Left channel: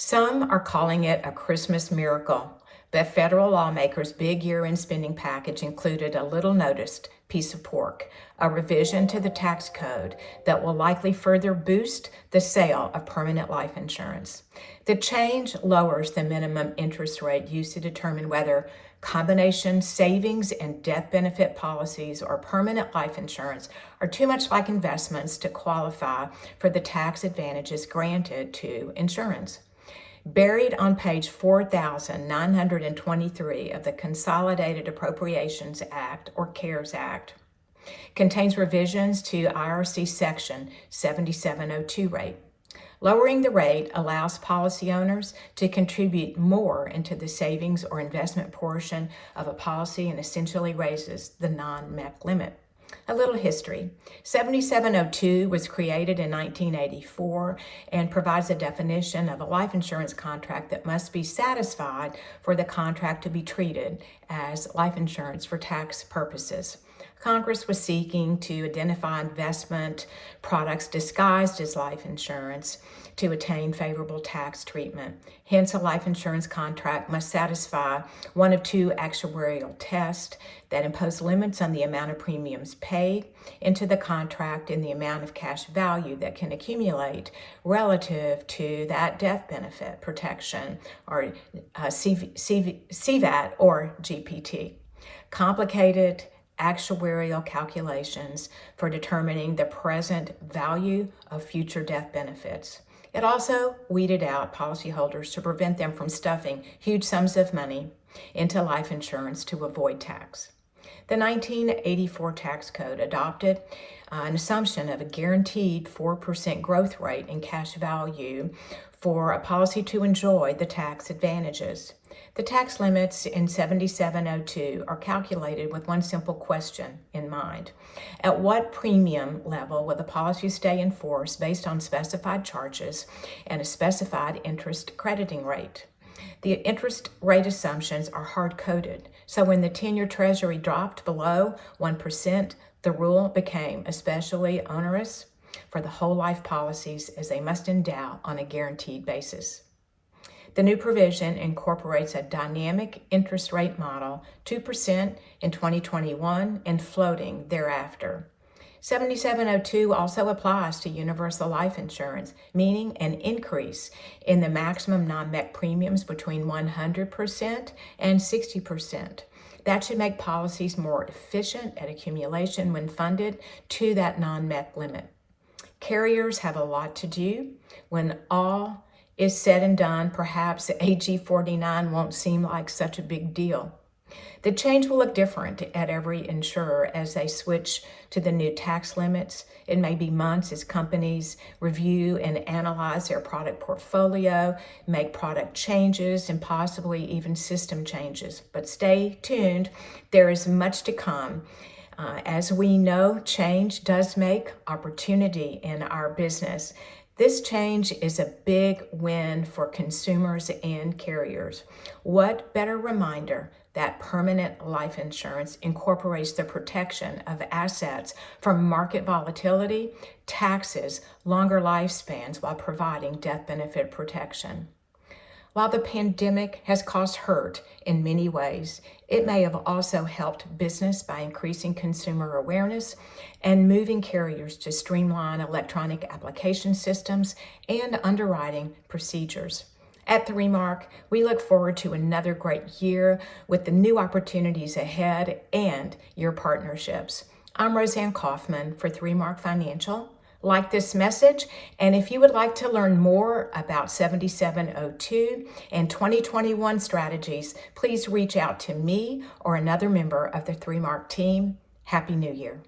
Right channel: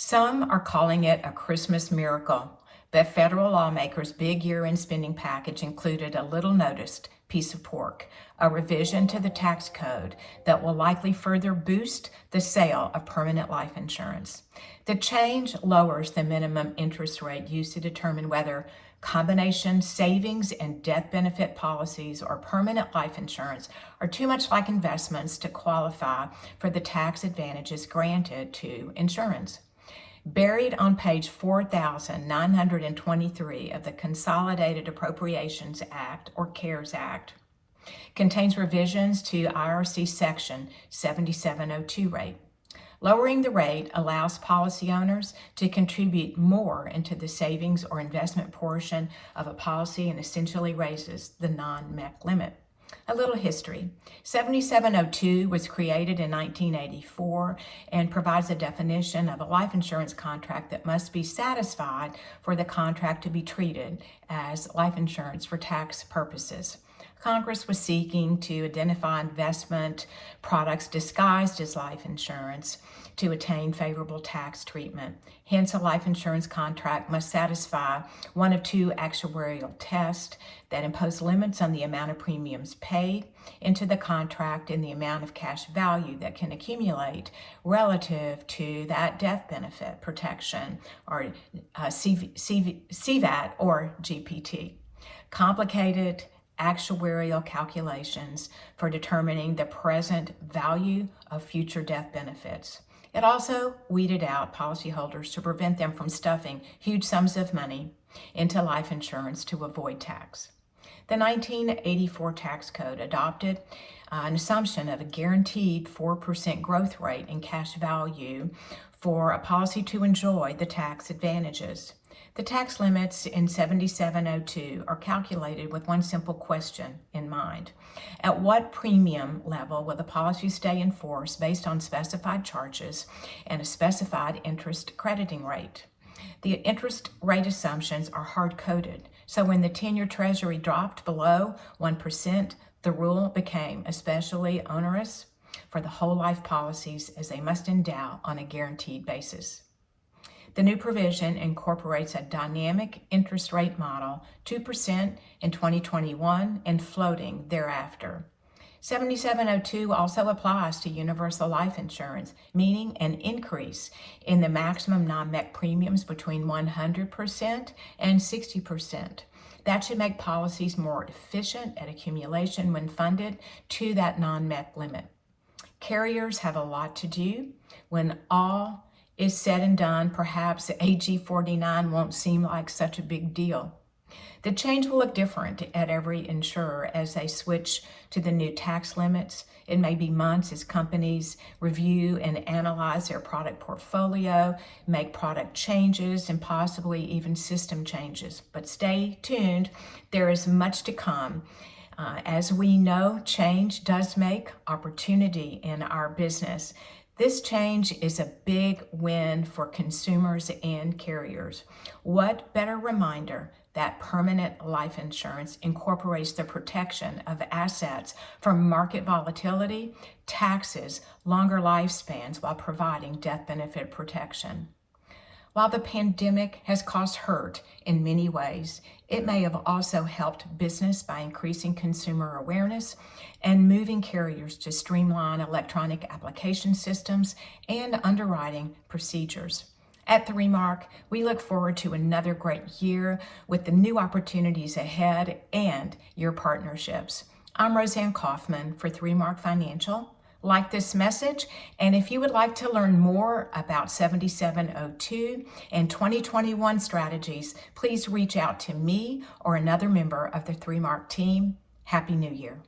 Some are calling it a Christmas miracle, but federal lawmakers' big year-end spending package included a little noticed piece of pork, a revision to the tax code that will likely further boost the sale of permanent life insurance. The change lowers the minimum interest rate used to determine whether combination savings and death benefit policies or permanent life insurance are too much like investments to qualify for the tax advantages granted to insurance. Buried on page 4,923 of the Consolidated Appropriations Act, or CARES Act, contains revisions to IRC Section 7702 rate. Lowering the rate allows policy owners to contribute more into the savings or investment portion of a policy and essentially raises the non-MEC limit. A little history. 7702 was created in 1984 and provides a definition of a life insurance contract that must be satisfied for the contract to be treated as life insurance for tax purposes. Congress was seeking to identify investment products disguised as life insurance to attain favorable tax treatment. Hence, a life insurance contract must satisfy one of two actuarial tests that impose limits on the amount of premiums paid into the contract and the amount of cash value that can accumulate relative to that death benefit protection, or CVAT or GPT. Complicated actuarial calculations for determining the present value of future death benefits. It also weeded out policyholders to prevent them from stuffing huge sums of money into life insurance to avoid tax. The 1984 tax code adopted an assumption of a guaranteed 4% growth rate in cash value for a policy to enjoy the tax advantages. The tax limits in 7702 are calculated with one simple question in mind. At what premium level will the policy stay in force based on specified charges and a specified interest crediting rate? The interest rate assumptions are hard-coded, so when the 10-year Treasury dropped below 1%, the rule became especially onerous for the whole life policies as they must endow on a guaranteed basis. The new provision incorporates a dynamic interest rate model, 2% in 2021 and floating thereafter. 7702 also applies to universal life insurance, meaning an increase in the maximum non-MEC premiums between 100% and 60%. That should make policies more efficient at accumulation when funded to that non-MEC limit. Carriers have a lot to do. When all is said and done, perhaps AG 49 won't seem like such a big deal. The change will look different at every insurer as they switch to the new tax limits. It may be months as companies review and analyze their product portfolio, make product changes, and possibly even system changes. But stay tuned, there is much to come. As we know, change does make opportunity in our business. This change is a big win for consumers and carriers. What better reminder that permanent life insurance incorporates the protection of assets from market volatility, taxes, longer lifespans while providing death benefit protection. While the pandemic has caused hurt in many ways, it may have also helped business by increasing consumer awareness and moving carriers to streamline electronic application systems and underwriting procedures. At 3Mark, we look forward to another great year with the new opportunities ahead and your partnerships. I'm Rosanne Kaufmann for 3Mark Financial. Like this message, and if you would like to learn more about 7702 and 2021 strategies, please reach out to me or another member of the 3Mark team. Happy New Year.